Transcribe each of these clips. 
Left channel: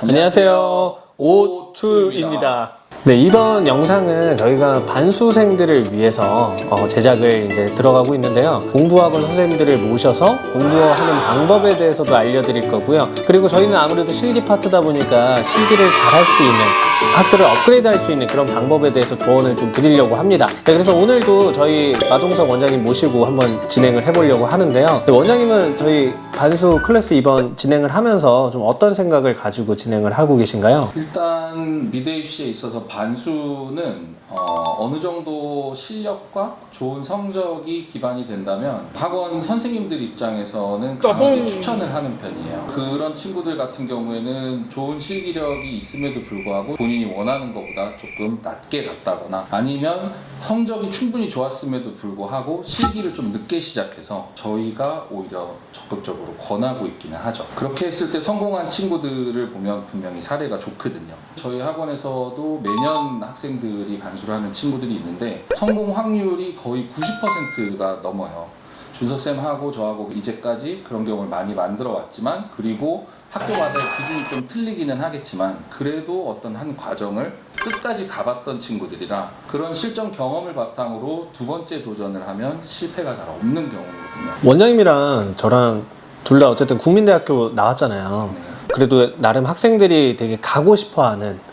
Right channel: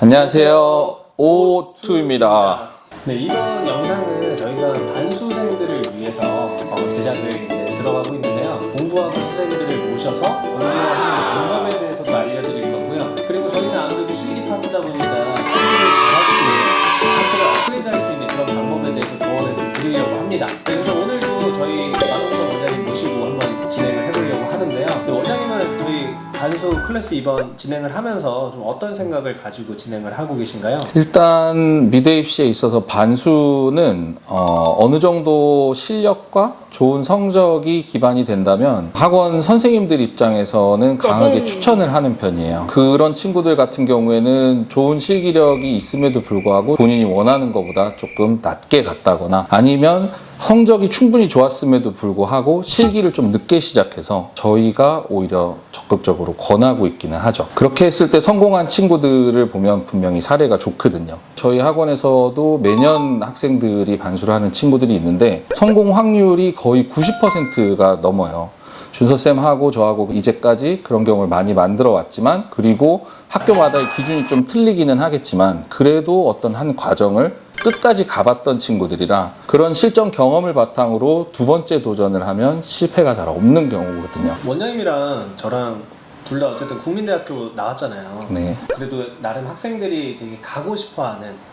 안녕하세요. 오투입니다. 네, 이번 영상은 저희가 반수생들을 위해서 제작을 이제 들어가고 있는데요. 공부학원 선생님들을 모셔서 공부하는 방법에 대해서도 알려드릴 거고요. 그리고 저희는 아무래도 실기 파트다 보니까 실기를 잘할 수 있는, 학교를 업그레이드 할 수 있는 그런 방법에 대해서 조언을 좀 드리려고 합니다. 네, 그래서 오늘도 저희 마동석 원장님 모시고 한번 진행을 해보려고 하는데요. 네, 원장님은 저희 반수 클래스 이번 진행을 하면서 좀 어떤 생각을 가지고 진행을 하고 계신가요? 일단 미대 입시에 있어서 반수는 어느 정도 실력과 좋은 성적이 기반이 된다면 학원 선생님들 입장에서는 강하게 추천을 하는 편이에요. 그런 친구들 같은 경우에는 좋은 실기력이 있음에도 불구하고 본인이 원하는 것보다 조금 낮게 갔다거나 아니면 성적이 충분히 좋았음에도 불구하고 실기를 좀 늦게 시작해서 저희가 오히려 적극적으로 권하고 있기는 하죠. 그렇게 했을 때 성공한 친구들을 보면 분명히 사례가 좋거든요. 저희 학원에서도 매년 학생들이 반수를 하는 친구들이 있는데 성공 확률이 거의 90%가 넘어요. 준서쌤하고 저하고 이제까지 그런 경우를 많이 만들어 왔지만, 그리고 학교마다의 기준이 좀 틀리기는 하겠지만 그래도 어떤 한 과정을 끝까지 가봤던 친구들이라 그런 실전 경험을 바탕으로 두 번째 도전을 하면 실패가 잘 없는 경우거든요. 원장님이랑 저랑 둘 다 어쨌든 국민대학교 나왔잖아요. 네. 그래도 나름 학생들이 되게 가고 싶어하는,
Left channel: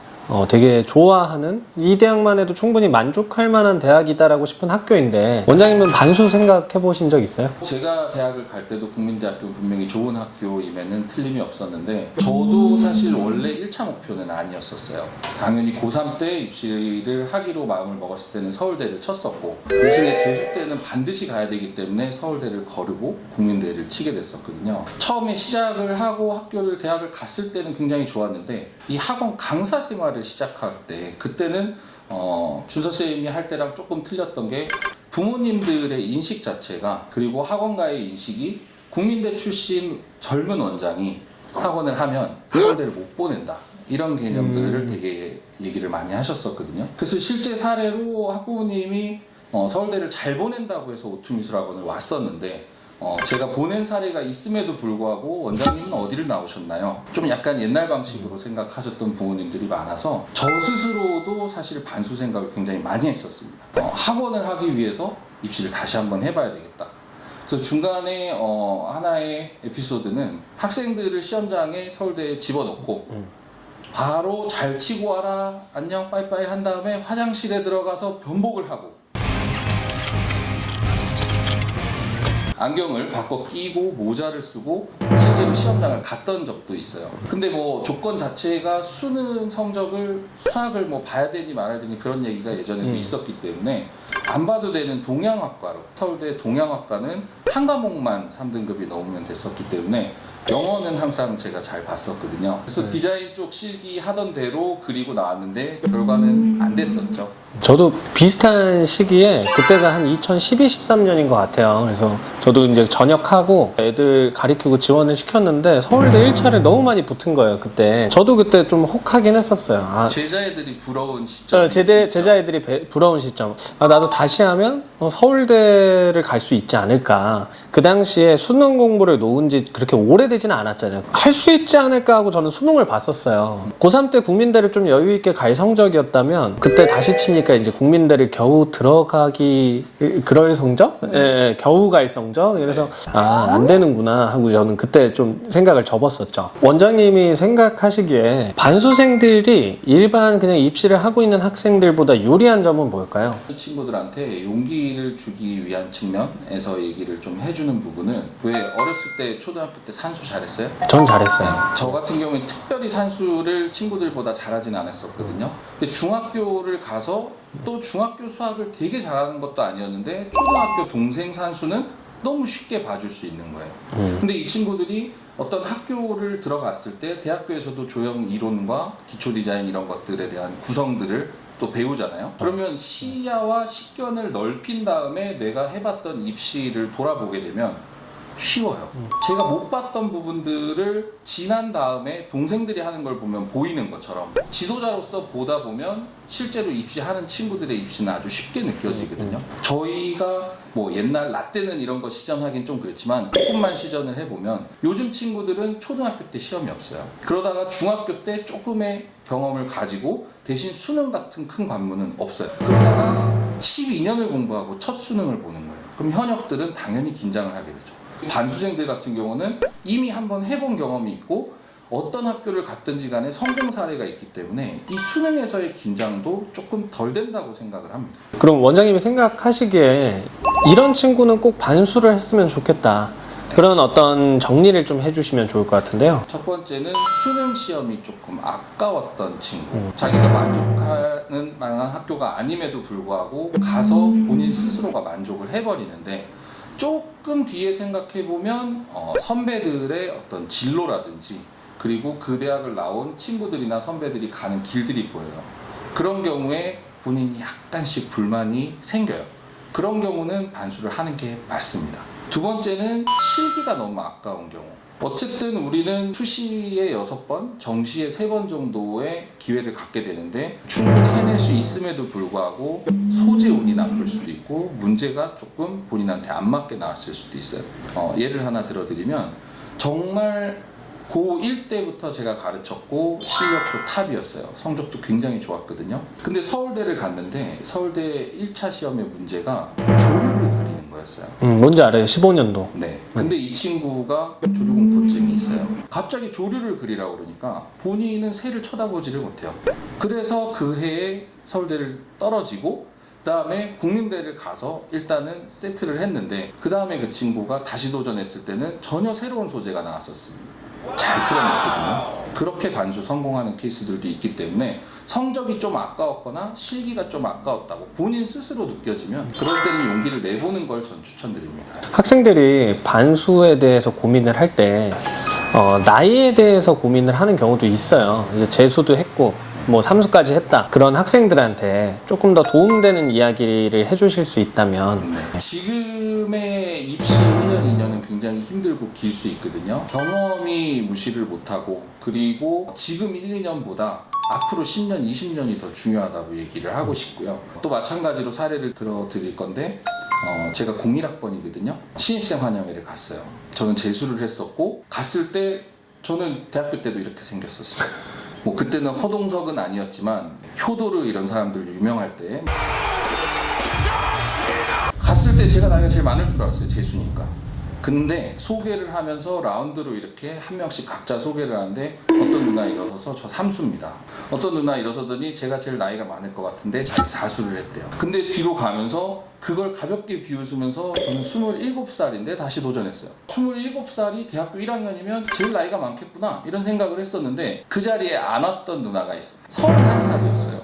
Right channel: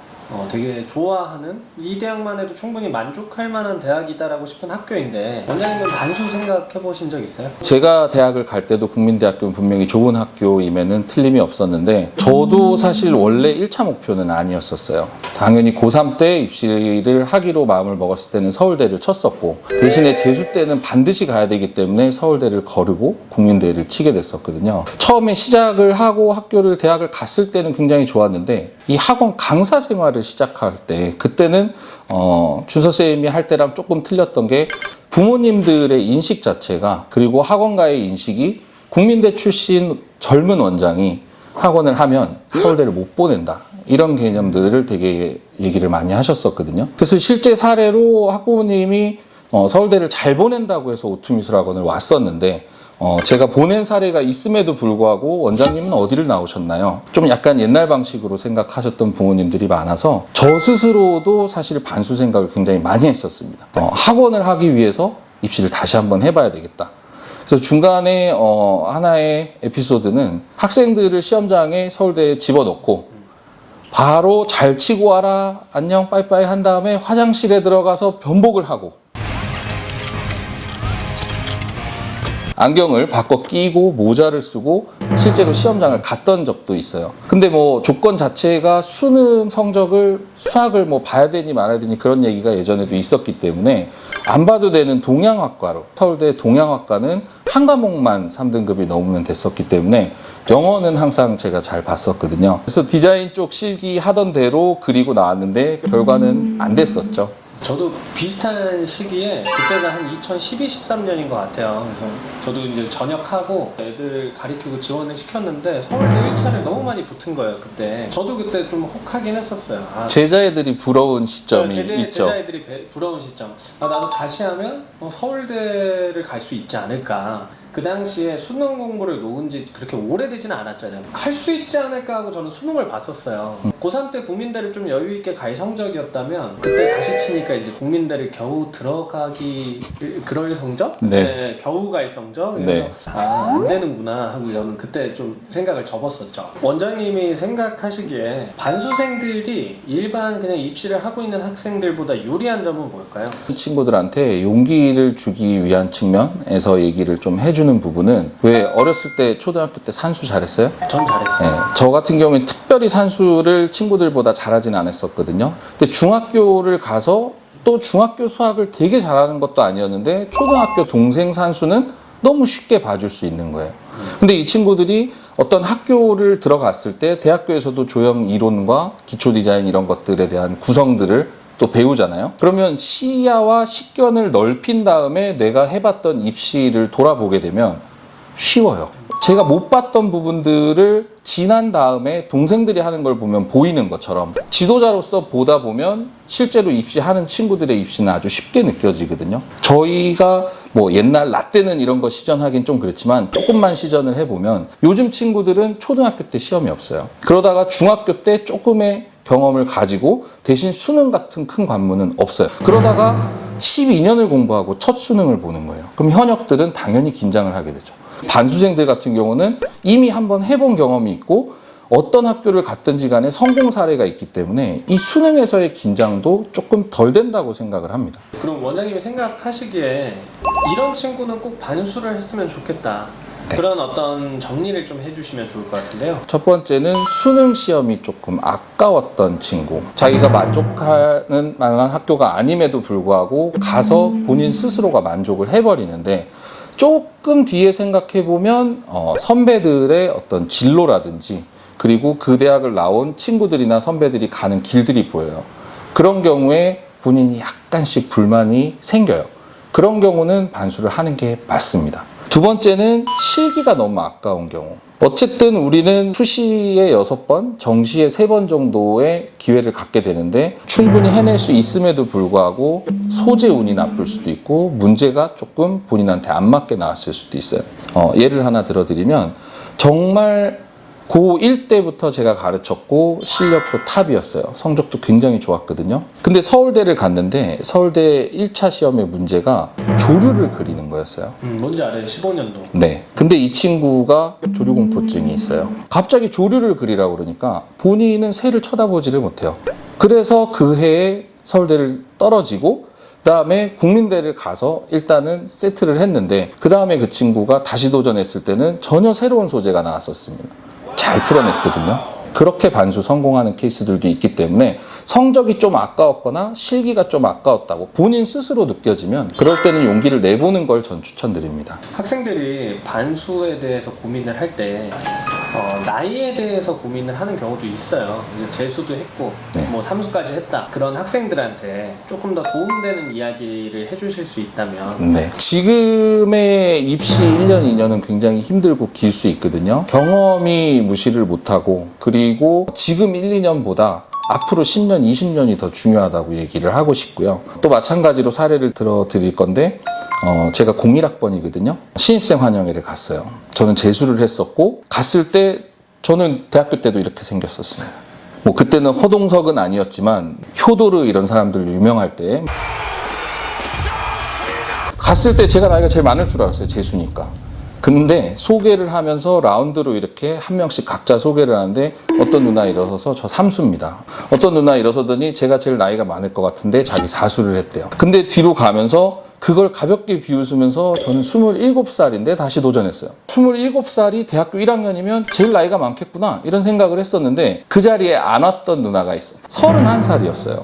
되게 좋아하는, 이 대학만 해도 충분히 만족할 만한 대학이다라고 싶은 학교인데, 원장님은 반수 생각해 보신 적 있어요? 제가 대학을 갈 때도 국민대학교는 분명히 좋은 학교임에는 틀림이 없었는데, 저도 사실 원래 1차 목표는 아니었었어요. 당연히 고3 때 입시를 하기로 마음을 먹었을 때는 서울대를 쳤었고, 대신에 재수 때는 반드시 가야 되기 때문에 서울대를 거르고 국민대를 치게 됐었거든요. 처음에 시작을 하고 대학을 갔을 때는 굉장히 좋았는데, 이 학원 강사 생활을 시작할 때, 그때는 준서쌤이 할 때랑 조금 틀렸던 게, 부모님들의 인식 자체가, 그리고 학원가의 인식이 국민대 출신 젊은 원장이 학원을 하면 서울대를 못 보낸다, 이런 개념들을 되게 얘기를 많이 하셨었거든요. 그래서 실제 사례로 학부모님이 서울대를 잘 보낸다고 해서 오투미술학원을 왔었는데, 제가 보낸 사례가 있음에도 불구하고 원장님은 어디를 나오셨나요? 좀 약간 옛날 방식으로 생각하셨던 부모님들이 많아서 저 스스로도 사실 반수 생각을 굉장히 많이 했었습니다. 학원을 하기 위해서 입시를 다시 한번 해봐야 되겠다. 그래서 중간에 하나의 에피소드는, 학생들을 시험장에 서울대에 집어넣고 바로 잘 치고 와라, 안녕, 빠이빠이 한 다음에 화장실에 들어가서 변복을 하고 안경을 바꿔 끼고 모자를 쓰고 실제로 시험장을 갔던 적도 있어요. 근데 뭐 조건 자체가 수능 성적을, 수학을 뭐 봐야 되니 말아야 되니 그런 얘기가 예전에도 있었기 때문에 안 봐도 되는 동양학과로, 서울대 동양학과는 한 과목만 3등급이 넘으면 됐었기 때문에 영어는 항상 제가 잘 봤었거든요. 그래서 디자인 쪽 실기 하던 대로 그리고 나왔는데 결과는 안 됐었죠. 저도 비슷한 시기에, 그때가 한 2012, 13년인 것 같아요. 그래서 저도 이제 전역하고 애들 가리키고 지원을 시켰는데 서울대 1차를 너무 많이 붙은 거예요, 그때. 저도 그때 좀 혹하긴 했었어요. 제자애들이 부러운 시점이 있죠. 제자애들이 부러운 시점. 나도 다시 하면 서울대를 갈 수 있지 않을까. 그 당시에 수능 공부를 놓은 지 그렇게 오래되지는 않았잖아요. 할 수 있지 않을까 하고 저는 수능을 봤었어요. 고3 때 국민대를 좀 여유 있게 갈 성적이었다면, 그때 다시 치니까 이제 국민대를 겨우 들어가기, 그럴 성적? 네, 겨우 갈 성적? 그래서 네. 안 되는구나 하고 저는 그때 좀 생각을 접었었죠. 원장님이 생각하시기에 반수생들이 일반 그냥 입시를 하고 있는 학생들보다 유리한 점은 뭘까요? 친구들한테 용기를 주기 위한 측면에서 얘기를 좀 해주는 부분은, 왜 어렸을 때 초등학교 때 산수 잘했어요? 전 잘했어요. 네, 저 같은 경우에 특별히 산수를 친구들보다 잘하진 않았었거든요. 근데 중학교를 가서 또 중학교 수학을 되게 잘하는 것도 아니었는데 초등학교 동생 산수는 너무 쉽게 봐줄 수 있는 거예요. 근데 이 친구들이 어떤 학교를 들어갔을 때 대학교에서도 조형 이론과 기초 디자인 이런 것들에 대한 구성들을 또 배우잖아요. 그러면 시야와 식견을 넓힌 다음에 내가 해봤던 입시를 돌아보게 되면 쉬워요. 제가 못 봤던 부분들을 지난 다음에 동생들이 하는 걸 보면 보이는 것처럼 지도자로서 보다 보면 실제로 입시하는 친구들의 입시는 아주 쉽게 느껴지거든요. 저희가 뭐 옛날 라떼는 이런 거 시전하긴 좀 그렇지만 조금만 시전을 해보면 요즘 친구들은 초등학교 때 시험이 없어요. 그러다가 중학교 때 조금의 경험을 가지고 대신 수능 같은 큰 관문은 없어요. 그러다가 12년을 공부하고 첫 수능을 보는 거예요. 그럼 현역들은 당연히 긴장을 하게 되죠. 반수생들 같은 경우는 이미 한번 해본 경험이 있고 어떤 학교를 갔든지 간에 성공 사례가 있기 때문에 이 수능에서의 긴장도 조금 덜 된다고 생각을 합니다. 그럼 원장님이 생각하시기에 이런 친구는 꼭 반수를 했으면 좋겠다. 네. 그런 어떤 정리를 좀 해주시면 좋을 것 같은데요. 첫 번째는 수능 시험이 조금 아까웠던 친구. 자기가 만족하는 만한 학교가 아님에도 불구하고 가서 본인 스스로가 만족을 해버리는데 조금 뒤에 생각해보면 선배들의 어떤 진로라든지 그리고 그 대학을 나온 친구들이나 선배들이 가는 길들이 보여요. 그런 경우에 본인이 약간씩 불만이 생겨요. 그런 경우는 반수를 하는 게 맞습니다. 두 번째는 실기가 너무 아까운 경우. 어쨌든 우리는 수시에 6번, 정시에 3번 정도의 기회를 갖게 되는데 충분히 해낼 수 있음에도 불구하고 소재 운이 나쁠 수도 있고 문제가 조금 본인한테 안 맞게 나왔을 수도 있어요. 예를 하나 들어드리면 정말 고1 때부터 제가 가르쳤고 실력도 탑이었어요. 성적도 굉장히 좋았거든요. 근데 서울대를 갔는데 서울대 1차 시험의 문제가 조류를 그리는 거였어요. 뭔지 알아요. 15년도. 네. 근데 이 친구가 조류공포증이 있어요. 갑자기 조류를 그리라고 그러니까 본인은 새를 쳐다보지를 못해요. 그래서 그 해에 서울대를 떨어지고 그다음에 국민대를 가서 일단은 세트를 했는데 그다음에 그 친구가 다시 도전했을 때는 전혀 새로운 소재가 나왔었습니다. 잘 풀어냈거든요. 그렇게 반수 성공하는 케이스들도 있기 때문에 성적이 좀 아까웠거나 실기가 좀 아까웠다고 본인 스스로 느껴지면 그럴 때는 용기를 내보는 걸 전 추천드립니다. 학생들이 반수에 대해서 고민을 할 때 나이에 대해서 고민을 하는 경우도 있어요. 이제 재수도 했고 네. 뭐 삼수까지 했다. 그런 학생들한테 조금 더 도움되는 이야기를 해주실 수 있다면 네. 지금의 입시 1년, 2년은 굉장히 힘들고 길 수 있거든요. 경험이 무시를 못하고 그리고 지금 1, 2년보다 앞으로 10년, 20년이 더 중요하다고 얘기를 하고 싶고요. 또 마찬가지로 사례를 들어 드릴 건데 제가 01학번이거든요. 신입생 환영회를 갔어요. 저는 재수를 했었고 갔을 때 저는 대학교 때도 이렇게 생겼었어요. 뭐 그때는 허동석은 아니었지만 효도르 이런 사람들로 유명할 때 갔을 때 제가 나이가 제일 많을 줄 알았어요. 재수니까. 근데 소개를 하면서 라운드로 이렇게 한 명씩 각자 소개를 하는데 어떤 누나 일어서서 저 삼수입니다. 어떤 누나 일어서더니 제가 제일 나이가 많을 것 같은데 자기 사수를 했대요. 근데 뒤로 가면서 그걸 가볍게 비웃으면서 저는 27살인데 다시 도전했어요. 27살이 대학교 1학년이면 제일 나이가 많겠구나 이런 생각을 했었는데 그 자리에 안 왔던 누나가 있어요. 31살이었어요.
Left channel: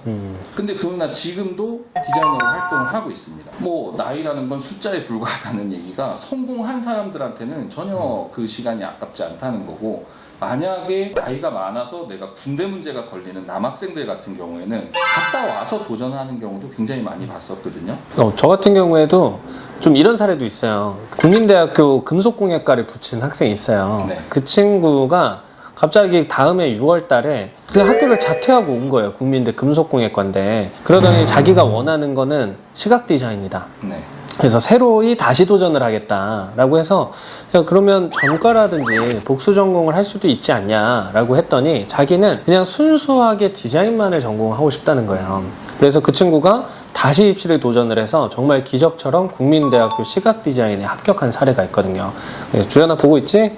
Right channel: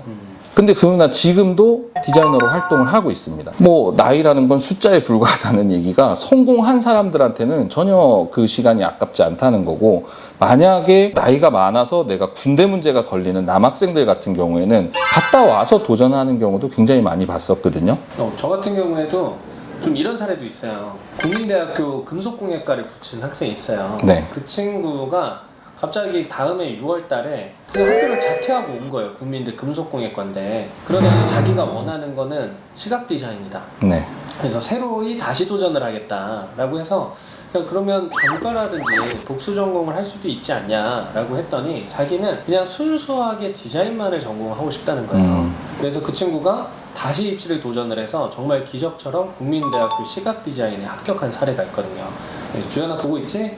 근데 그 누나 지금도 디자이너로 활동을 하고 있습니다. 뭐 나이라는 건 숫자에 불과하다는 얘기가 성공한 사람들한테는 전혀 그 시간이 아깝지 않다는 거고 만약에 나이가 많아서 내가 군대 문제가 걸리는 남학생들 같은 경우에는 갔다 와서 도전하는 경우도 굉장히 많이 봤었거든요. 저 같은 경우에도 좀 이런 사례도 있어요. 국민대학교 금속공예과를 붙인 학생이 있어요. 네. 그 친구가 갑자기 다음해 6월 달에 그냥 학교를 자퇴하고 온 거예요. 국민대 금속공예과인데 그러더니 자기가 원하는 거는 시각 디자인이다. 네. 그래서 새로이 다시 도전을 하겠다라고 해서 야, 그러면 전과라든지 복수 전공을 할 수도 있지 않냐라고 했더니 자기는 그냥 순수하게 디자인만을 전공하고 싶다는 거예요. 그래서 그 친구가 다시 입시를 도전을 해서 정말 기적처럼 국민대학교 시각 디자인에 합격한 사례가 있거든요. 주연아 보고 있지?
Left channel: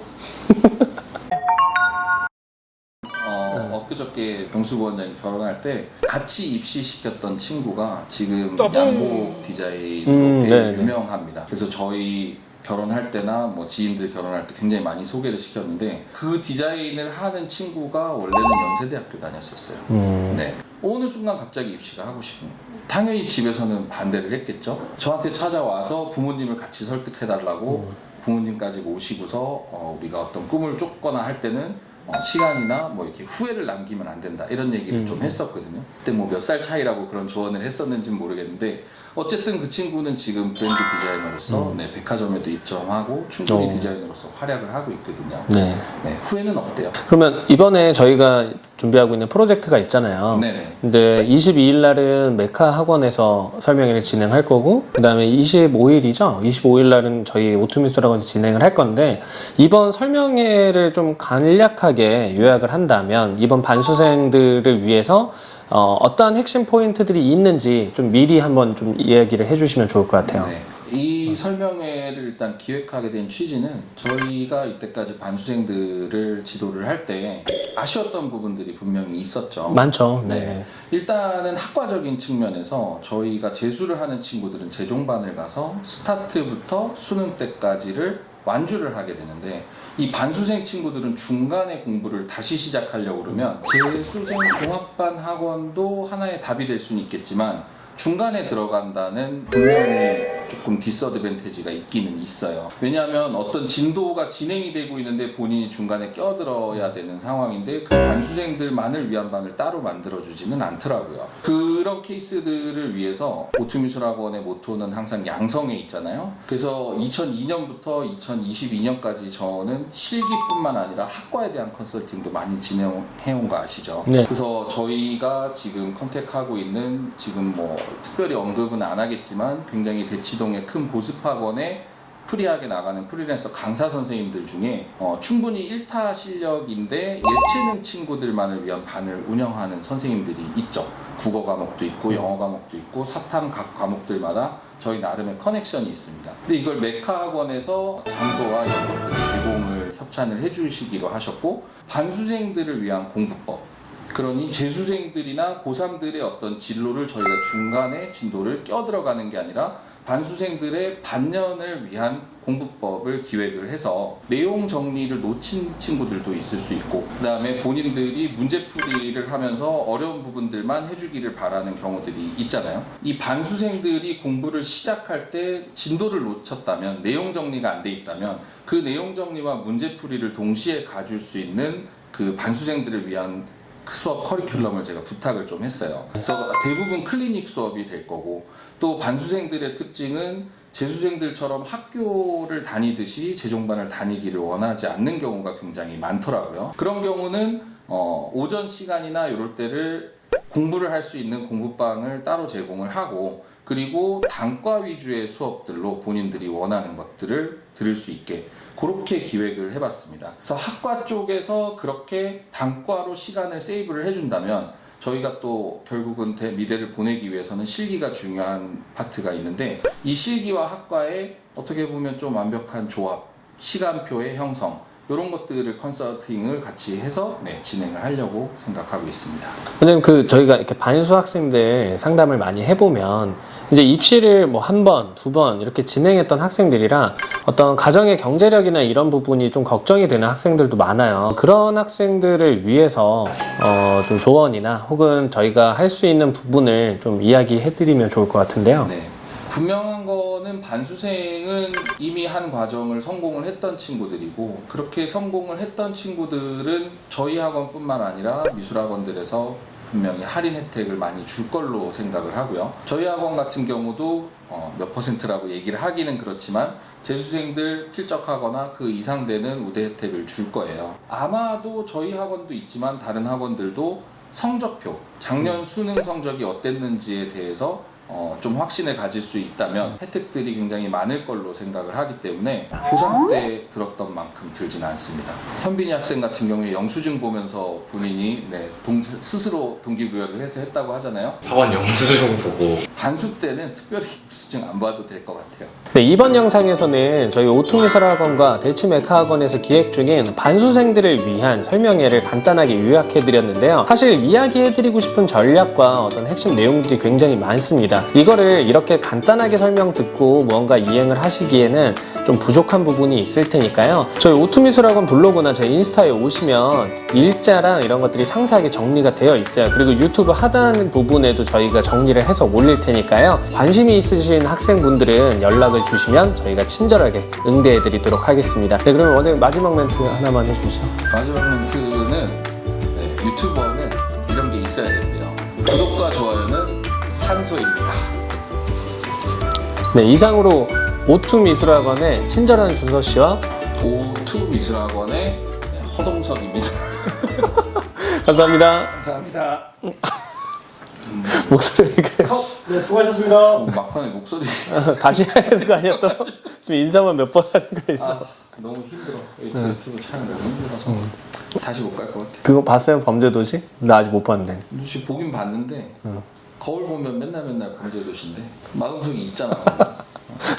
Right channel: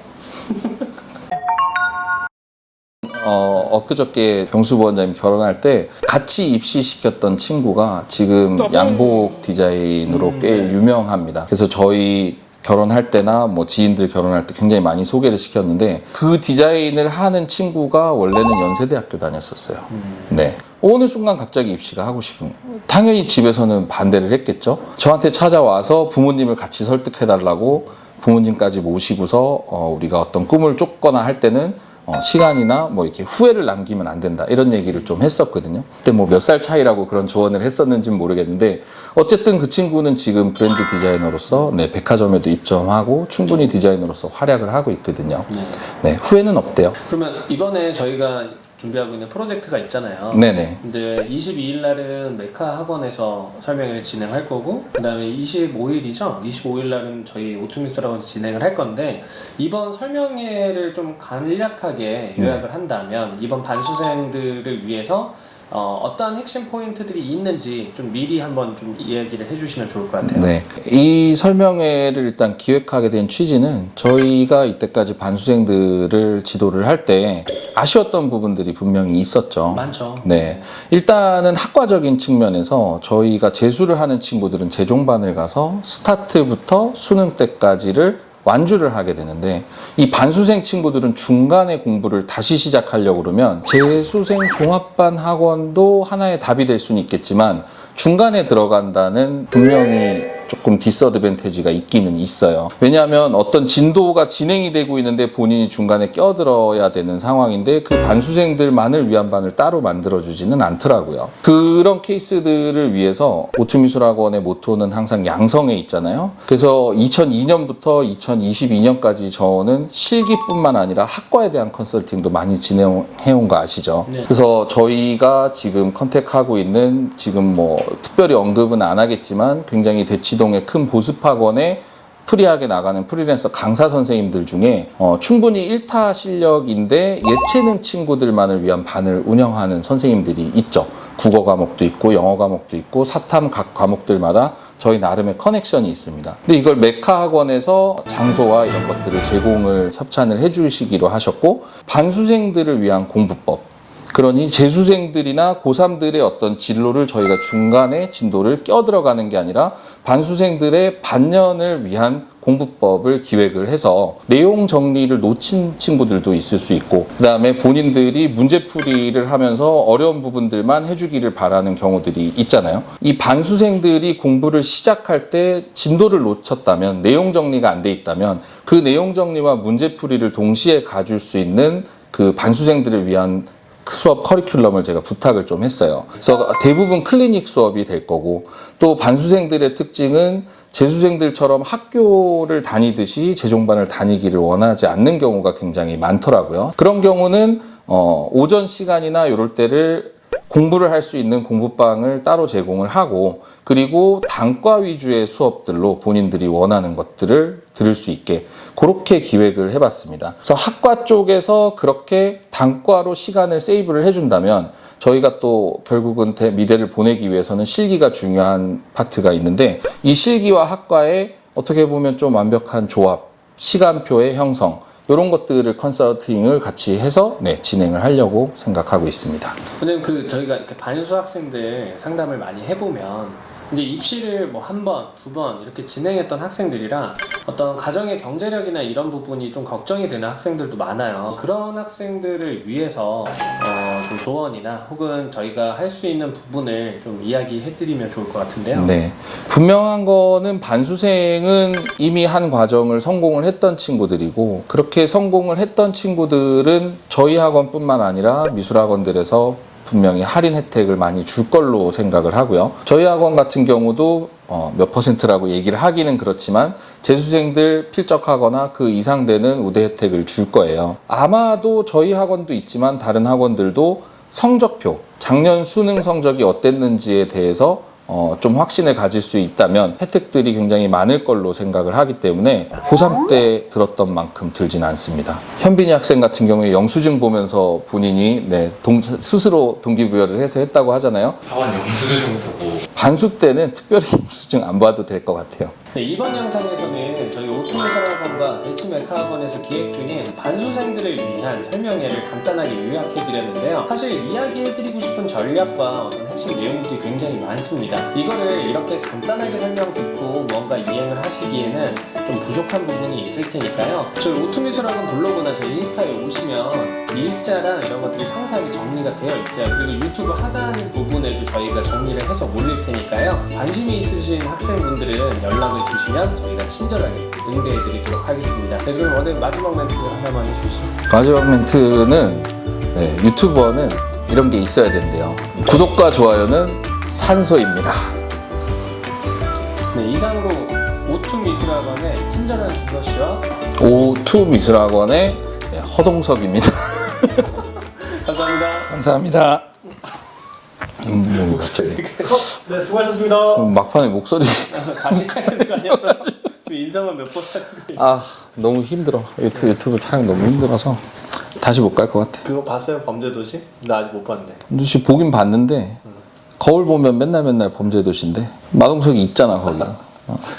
엊그저께 경수 부원장님 결혼할 때 같이 입시시켰던 친구가 지금 양복 디자인으로 꽤 네. 유명합니다. 그래서 저희 결혼할 때나 뭐 지인들 결혼할 때 굉장히 많이 소개를 시켰는데 그 디자인을 하는 친구가 원래는 연세대학교 다녔었어요. 네. 어느 순간 갑자기 입시가 하고 싶은 거예요. 당연히 집에서는 반대를 했겠죠. 저한테 찾아와서 부모님을 같이 설득해달라고 부모님까지 모시고서 우리가 어떤 꿈을 쫓거나 할 때는 시간이나 뭐 이렇게 후회를 남기면 안 된다 이런 얘기를 좀 했었거든요. 그때 뭐 몇 살 차이라고 그런 조언을 했었는지는 모르겠는데 어쨌든 그 친구는 지금 브랜드 디자이너로서 네, 백화점에도 입점하고 충분히 디자이너로서 활약을 하고 있거든요. 네. 네, 후회는 없대요. 그러면 이번에 저희가 준비하고 있는 프로젝트가 있잖아요. 네네. 근데 22일 날은 메카 학원에서 설명회를 진행할 거고, 그 다음에 25일이죠? 25일 날은 저희 오토미술 학원에서 진행을 할 건데, 이번 설명회를 좀 간략하게 요약을 한다면, 이번 반수생들을 위해서 어떤 핵심 포인트들이 있는지 좀 미리 한번 좀 이야기를 해주시면 좋을 것 같아요. 네. 이 설명회를 일단 기획하게 된 취지는 저희가 이때까지 반수생들을 지도를 할 때 아쉬웠던 부분들이 분명히 있었죠. 많죠. 네. 일단은 학과적인 측면에서 저희가 재수를 하는 친구들은 재종반을 가서 스타트부터 수능 때까지를 완주를 하게 되는데 이 반수생 친구들은 중간에 공부를 다시 시작하려고 그러면 재수생 종합반 학원도 하나의 답이 될 수는 있겠지만 중간에 들어간다는 분명히 조금 디스어드밴티지가 있기는 있어요. 왜냐하면 어떤 진도가 진행이 되고 있는데 본인이 중간에 껴들어야 되는 상황인데 그 반수생들만을 위한 반을 따로 만들어주지는 않더라고요. 그런 케이스들을 위해서 오토미술학원의 모토는 항상 양성에 있잖아요. 그래서 2002년부터 2022년까지 저는 실기뿐만 아니라 학과에 대한 컨설팅도 많이 진행해온 거 아시죠? 네. 그래서 저희가 지금 컨택하고 있는 지금 뭐 특별히 언급은 안 하겠지만 굉장히 대치동의 큰 보습학원에 프리하게 나가는 프리랜서 강사 선생님들 중에 충분히 1타 실력인데 예체능 친구들만을 위한 반을 운영하는 선생님들이 있죠. 국어 과목도 있고 영어 과목도 있고 사탐 각 과목들마다 저희 나름의 커넥션이 있습니다. 근데 이걸 메카 학원에서 장소와 이런 것들을 제공을 협찬을 해주시기로 하셨고 반수생들을 위한 공부법 그러니 재수생들이나 고3들의 어떤 진로를 저희가 중간에 진도를 껴들어가는 게 아니라 반수생들의 반년을 위한 공부법을 기획을 해서 내용 정리를 놓친 친구들도 있을 수 있고 그 다음에 본인들이 문제풀이를 하면서 어려운 부분들만 해주기를 바라는 경우들이 있잖아요. 이 반수생들이 공부를 시작할 때 진도를 놓쳤다면 내용 정리가 안 돼 있다면 그 내용 정리와 문제풀이를 동시에 가줄 수 있는 그 반수생들을 위한 수업 커리큘럼을 제가 부탁을 좀 했어요. 그래서 대부분 클리닉 수업이 될 거고 또 반수생들의 특징은 재수생들처럼 학교를 다니듯이 재종반을 다니기를 원하지 않는 경우가 굉장히 많더라고요. 그런 경우는 오전 시간이나 이럴 때를 공부를 할 수 있는 공부방을 따로 제공을 하고 그리고 단과 위주의 수업들로 본인들이 원하는 것들을 들을 수 있게 그렇게 기획을 해봤습니다. 그래서 학과 쪽에서 그렇게 단과로 시간을 세이브를 해준다면 저희가 또 결국은 미대를 보내기 위해서는 실기가 중요한 파트가 있는데 이 실기와 학과의 어떻게 보면 좀 완벽한 조합, 시간표의 형성 이런 것들을 컨설팅을 같이 해서 진행을 하려고 생각하고 있습니다. 왜냐면 저희가 이렇게 반수 학생들 상담을 많이 해보면 이제 입시를 뭐 한 번, 두 번 이렇게 진행했던 학생들이라 어떤 가정의 경제력이나 이런 부분이 좀 걱정이 되는 학생들도 많아요. 그런 학생들을 위해서 좀 조언이나 혹은 저희가 할 수 있는 부분을 좀 이야기해드리면 좋을 것 같은데요. 네, 분명한 거는 반수생은 이미 한 과정을 성공을 했던 친구들이고 그렇게 성공을 했던 친구들은 저희 학원뿐만 아니라 미술학원들에서 분명히 할인 혜택을 많이 줄 걸로 생각을 하고요. 저희 학원 같은 경우도 몇 퍼센트라고 얘기를 하기는 그렇지만 재수생들 필적하거나 그 이상 되는 우대 혜택을 줄 거예요. 아마도 저희 학원도 있지만 다른 학원들도 성적표, 작년 수능 성적이 어땠는지에 대해서 좀 확신을 가질 수 있다면 혜택들이 굉장히 많을 걸로 생각을 하기 때문에 고3 때 들었던 만큼 들진 않습니다. 현빈이 학생 같은 경우에 영수증 보면서 본인이 스스로 동기부여를 해서 했다고 하잖아요. 학원 영수증 보고 반수 때는 특별히 영수증 안 봐도 될 것 같아요. 네, 이번 영상에서는 저희 오토미술학원과 대치메카학원에서 기획 중인 반수생들을 위한 설명회를 간단하게 요약해드렸는데요. 사실 이야기해드리고 싶은 전략과 어떤 핵심 내용들이 굉장히 많습니다. 이거를 이렇게 간단하게 설명 듣고 무언가 이행을 하시기에는 좀 부족한 부분이 있을 테니까요. 저희 오토미술학원 블로그나 저희 인스타에 오시면 일자랑 이런 것들이 상세하게 정리가 되어 있어요. 그리고 유튜브 하단 부분에도 저희가 정리를 해서 올릴 테니까요. 관심이 있으신 학생분들은 연락을 알려주시면 저희가 친절하게 응대해드리도록 하겠습니다. 네, 그럼 오늘 마지막 멘트 하나만 해주시죠. 마지막 멘트는 네, 유튜버는 이런 게 있어야 된대요. 구독과 좋아요는 산소입니다. 네, 이상으로 오투 미술학원의 친절한 준서 씨와 O2 미술학원의 허동석입니다. 감사합니다. 감사합니다. 목소리가 네, 수고하셨습니다. 막판에 목소리 다시 해야 되는 거 아니었던? 지금 인사만 몇 번 하는 거예요. 아 너무 힘들어. 유튜브 촬영 너무 힘들어서 다시 못 갈 것 같아. 그거 봤어요? 범죄도시? 나 아직 못 봤는데. 혹시 보긴 봤는데 거울 보면 맨날 범죄도시인데 마동석이 있잖아 거기.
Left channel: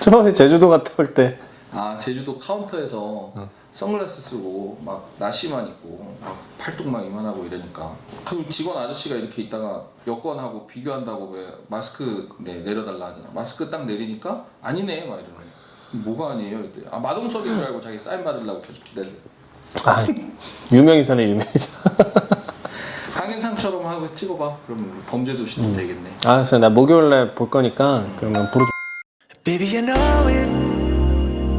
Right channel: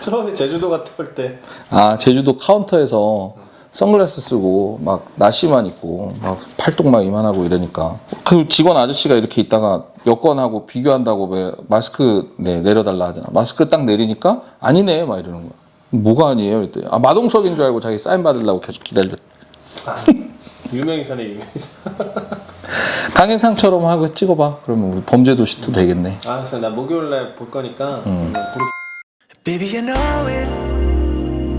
처음에 제주도 갔다 올 때 아 제주도 카운터에서 선글라스 쓰고 막 나시만 입고 막 팔뚝 막 이만하고 이러니까 그 직원 아저씨가 이렇게 있다가 여권하고 비교한다고 왜 마스크 내려달라 하잖아. 마스크 딱 내리니까 아니네 막 이러는 거야. 뭐가 아니에요? 이랬더니 아 마동석인 줄 알고 자기 사인 받으려고 계속 기다렸. 아, 유명인사네 유명인사. 강행상처럼 하고 찍어봐. 그러면 우리 범죄도시도 되겠네. 알았어요. 나 목요일날 볼 거니까 그러면 부르. Baby, I know it.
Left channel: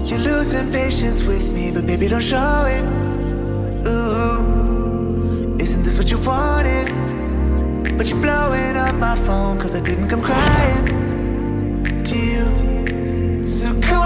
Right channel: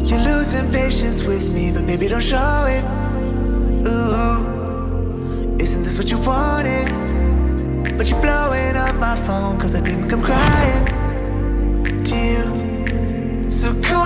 You're losing patience with me, but baby, don't show it. Ooh, isn't this what you wanted? But you're blowing up my phone, cause I didn't come crying to you. So come